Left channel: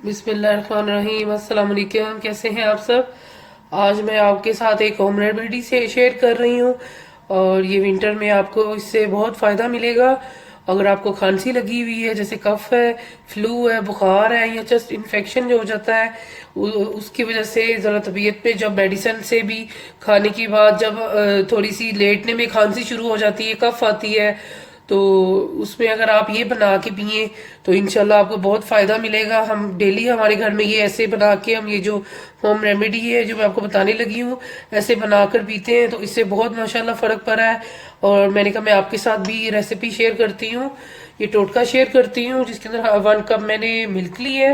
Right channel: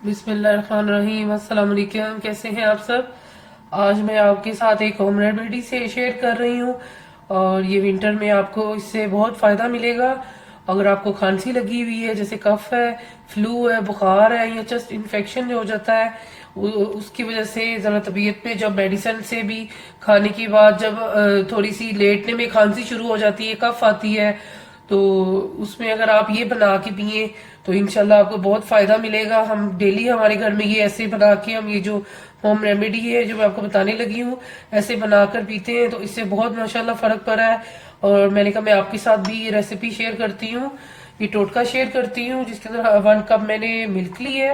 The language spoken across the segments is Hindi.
बिस्मिल्लाहिर्रहमानिर्रहीम। अस्सलाम वालेकुम। कैसे हैं आप सब? आज मैं आपके साथ एक होम रेमेडी से शेयर कर रही हूँ और ये विंटर में आपको इससे बहुत फ़ायदा मिलेगा। अगर आपको खांसी लगी हुई है, जैसे कफ है, फ्लू है, बुखार है या चेस्ट इन्फेक्शन जो हो जाता है, उसकी वजह से ज़रा तबीयत पे जब मेडिसिन से भी खाने के बाद जब थोड़ी सी लेटने में खांसी शुरू हो जाती है, कफ आती है, तो उसमें अगर आप ये बना के पिए तो इंशाल्लाह आपको बहुत फ़ायदा मिलेगा। हम डेली हमारे घर में ये ऐसे बना के हम ये जो होम रेमेडी है जो मैं आपको बताने लगी हूँ, ऐसे बनाकर पीते हैं तो इससे बहुत माशाल्लाह फ़र्क पड़ा है। और मैंने कहा मैं आपके साथ भी ये रेसिपी शेयर करती हूँ, ये टोटका शेयर करती हूँ, जिसके अंदर 1 कप मैंने मिल्क ली है,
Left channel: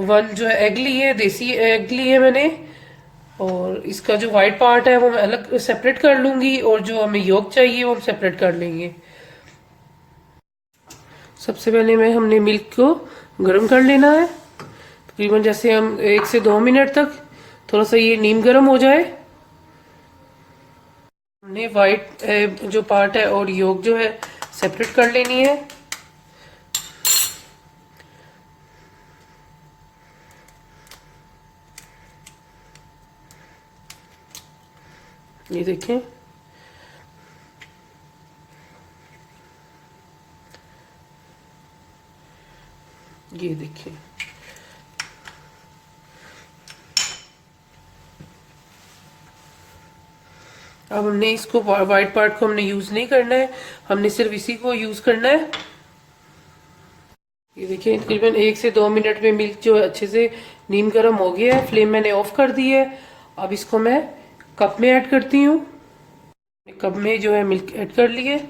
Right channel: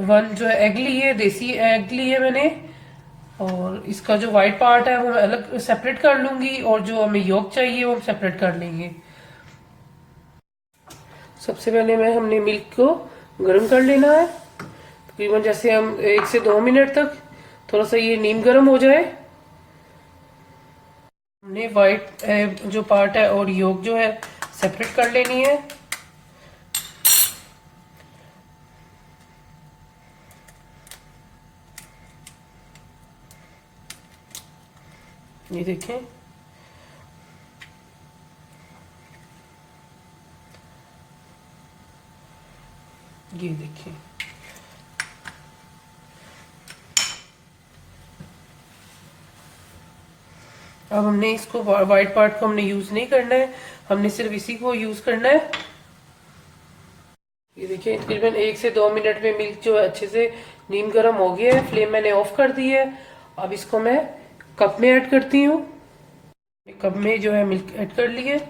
1 जो है एग ली है, देसी एग ली है मैंने। और इसका जो वाइट पार्ट है वो मैं अलग सेपरेट कर लूंगी और जो हमें योक चाहिए वो हम सेपरेट कर लेंगे। सबसे पहले मैं हमने मिल्क को गर्म कर लेना है, तकरीबन जैसे हम 1 से 2 मिनट तक थोड़ा सा ये नीम गर्म हो जाए। हमने वाइट जो पार्ट है और योक जो है सेपरेट कर लेनी है। ये देखें, ये देखिए, अब हमने इसको वाइट पार्ट को हमने यूज नहीं करना है, हमने सिर्फ इसी को यूज करना है। ये देखिए, तकरीबन 1 से 2 मिनट में मिल्क जो है अच्छे से नीम गर्म हो गया है, फ्लेम मैंने ऑफ कर दी है। अब इसको मैं कप में ऐड करती हूँ। कप में जो है मिल्क ऐड कर लिए।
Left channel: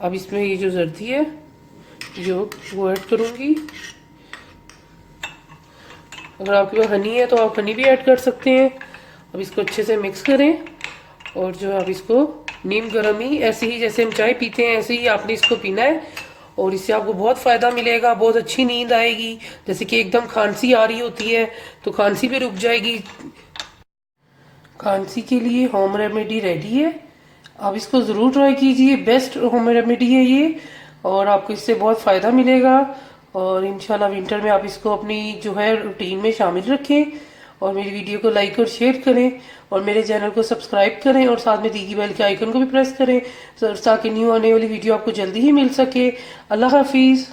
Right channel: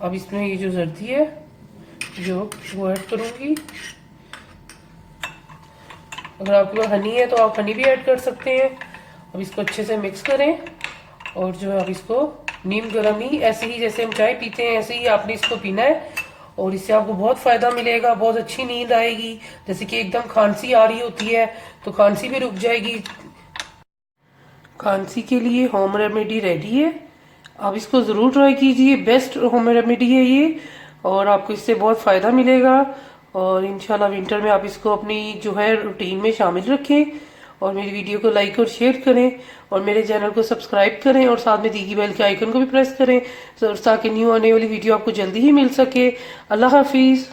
अब इसमें ये जो जर्दी है जो वो ऐड करूंगी। अगर आपके पास हनी है तो आप हनी भी ऐड कर सकते हैं। अब इसको अच्छे से मिक्स करें और जो अब इसको नीम गर्म ही ऐसे ही जैसे हम चाय पीते हैं ऐसे ही आपने इसको पीना है और इससे आपको बहुत फायदा मिलेगा, बहुत अच्छी नींद आएगी। जैसे कि एकदम खांसी आ रही होती है तो खांसी भी रुक जाएगी। खांसी के लिए होम रेमेडी रेडी है, आप इसको ज़रूर ट्राई कीजिए, बेस्ट होम रेमेडी है ये और आपको इससे बहुत फ़ायदा मिलेगा। और इंशाल्लाह विंटर में आप इसको अपनी जो है रूटीन में शामिल रखें और मेरी वीडियो को लाइक और शेयर करें और मेरे चैनल को सब्सक्राइब करें और साथ में दी बेल के आइकन को भी प्रेस करें ताकि न्यू आने वाली वीडियो आपको जल्दी ही मिल सके। अल्लाह हाफिज़।